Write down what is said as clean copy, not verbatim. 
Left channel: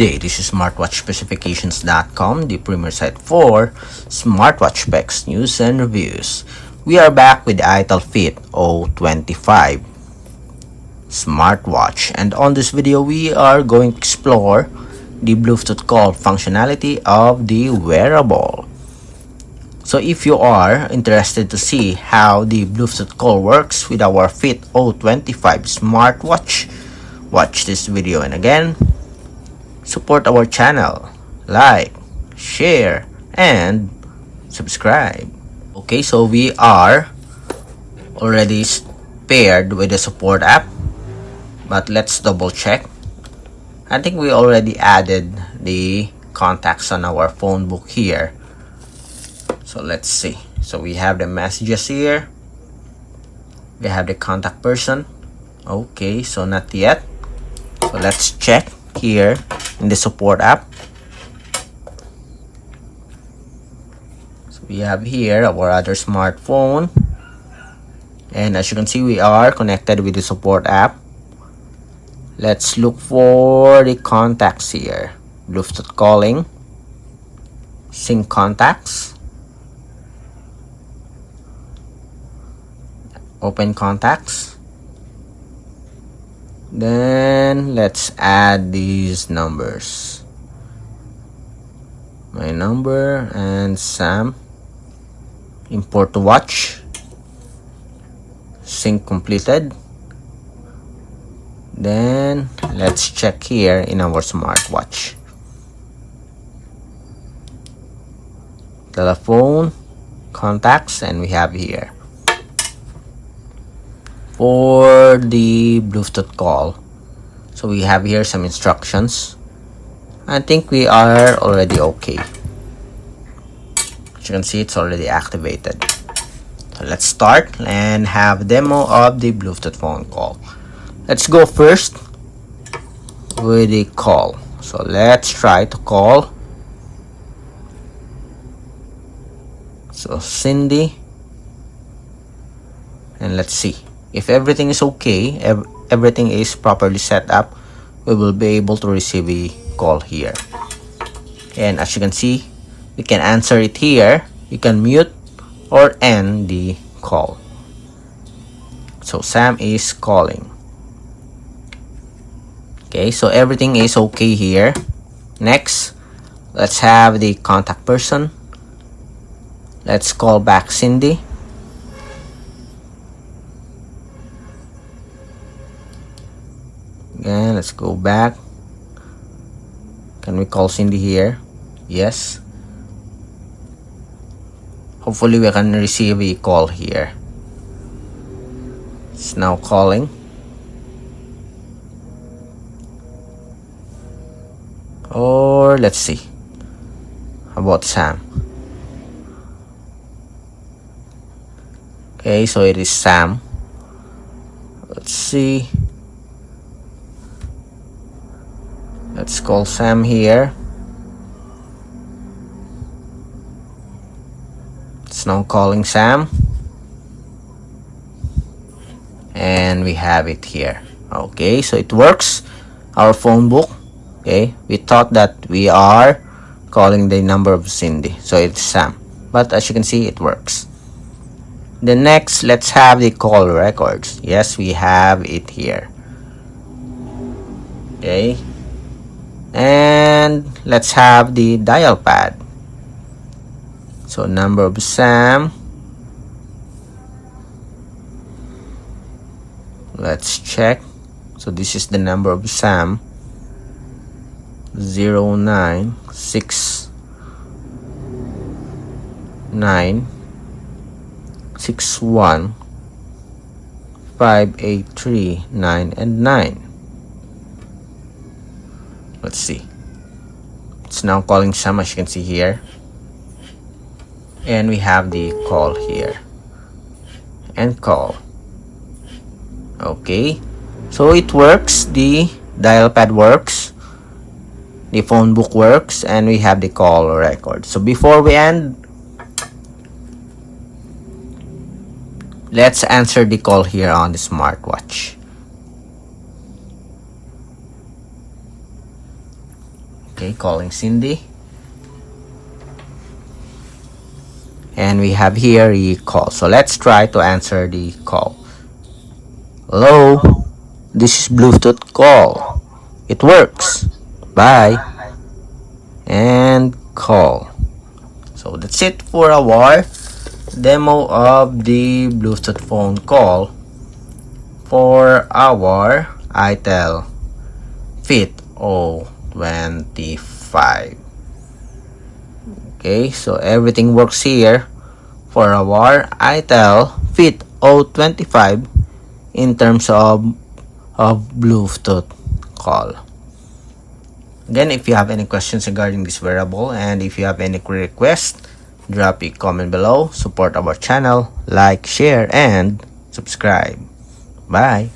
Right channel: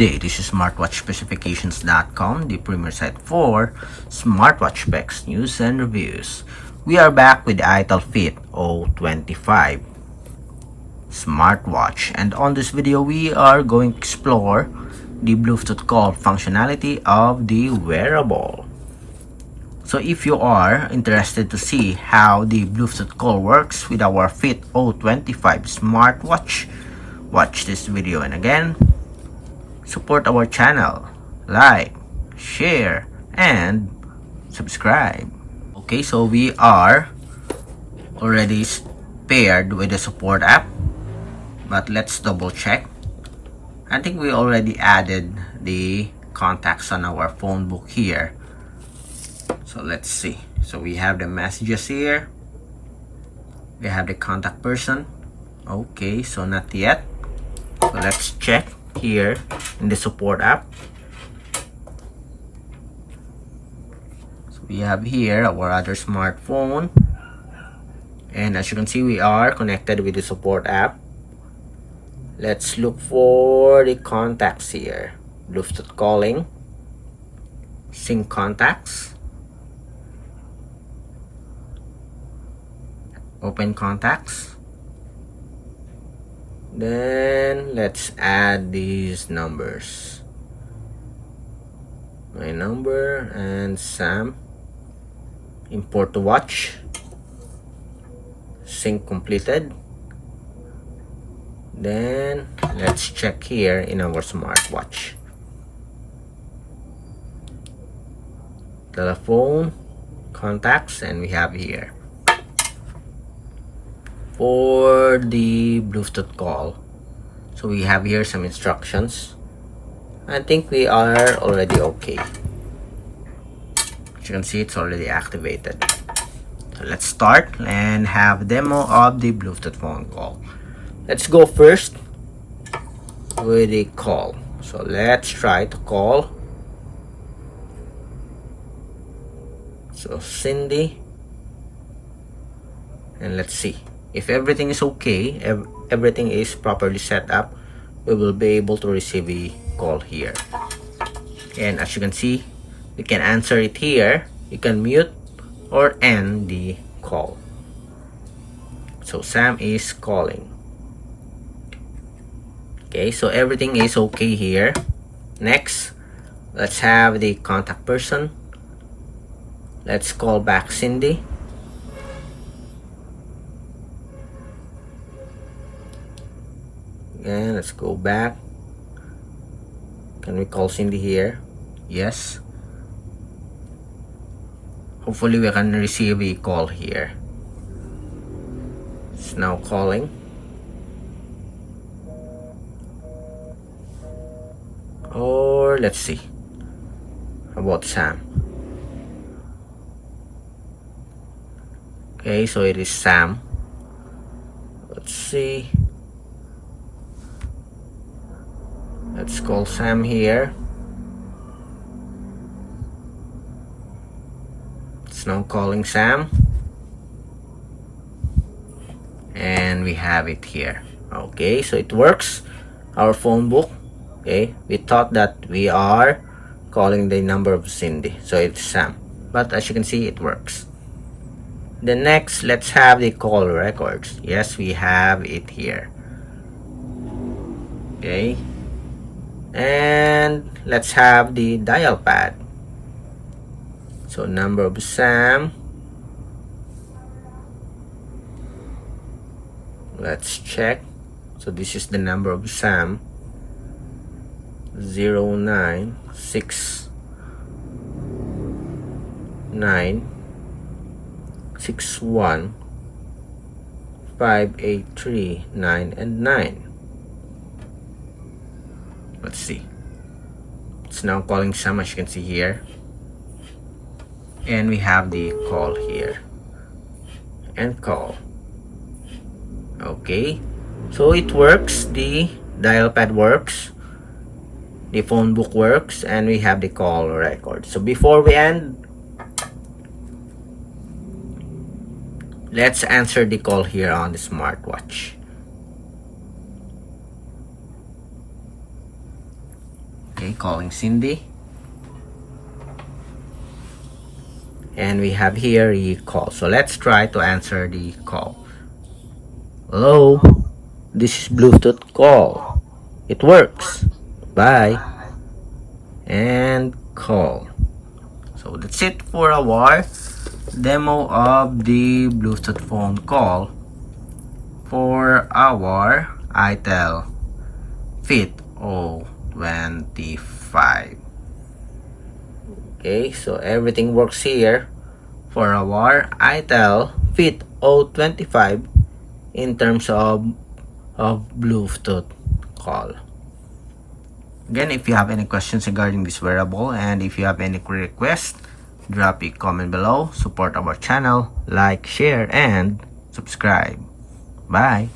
day, this is smartwatchspecifications.com, the premier site for smartwatch specs, news, and reviews. We are back with the Itel Fit O25 Smartwatch, and on this video, we are going to explore the Bluetooth call functionality of the wearable. So if you are interested to see how the Bluetooth call works with our Fit O25 Smartwatch, watch this video, and again, support our channel, like, share, and subscribe. Okay, so we are already paired with the support app, but let's double check. I think we already added the contacts on our phone book here. So let's see. So we have the messages here. We have the contact person. Okay, so not yet. So let's check here in the support app. So we have here our other smartphone, and as you can see, we are connected with the support app. Let's look for the contacts here. Bluetooth calling, sync contacts, open contacts. Then let's add these numbers, my number and Sam. Import to watch, sync completed. Then let's check here in our smartwatch. Telephone, contacts, and we have here for the Bluetooth call. So we have here some instructions. I think we are already okay. As you can see, it's already activated. So let's start and have a demo of the Bluetooth phone call. Let's go first with the call. So let's try to call. So Cindy, and let's see. If everything is okay, everything is properly set up, we will be able to receive a call here. And as you can see, we can answer it here. You can mute or end the call. So Sam is calling. Okay, so everything is okay here. Next, let's have the contact person. Let's call back Cindy. And let's go back. Can we call Cindy here? Yes. Hopefully we can receive a call here. It's now calling. Or let's see. How about Sam? Okay, so it is Sam. Let's see. Let's call Sam here. It's now calling Sam. And we have it here. Okay, so it works. Our phone book. Okay, we thought that we are calling the number of Cindy. So it's Sam. But as you can see, it works. The next, let's have the call records. Yes, we have it here. Okay. And let's have the dial pad. So number of Sam. Let's check. So this is the number of Sam. 096961583 and 9. Let's see. It's now calling Sam, as you can see here. And we have the call here. And call. Okay. So it works. The dial pad works. The phone book works. And we have the call record. So before we end, let's answer the call here on the smartwatch. Okay, calling Cindy. And we have here a call. So let's try to answer the call. Hello, this is Bluetooth call. It works. Bye. And call. So that's it for our demo of the Bluetooth phone call for our Itel Fit O25. Okay, so everything works here for our Itel Fit O25 in terms of Bluetooth call. Again, if you have any questions regarding this wearable and if you have any requests, drop a comment below. Support our channel, like, share, and subscribe. Bye.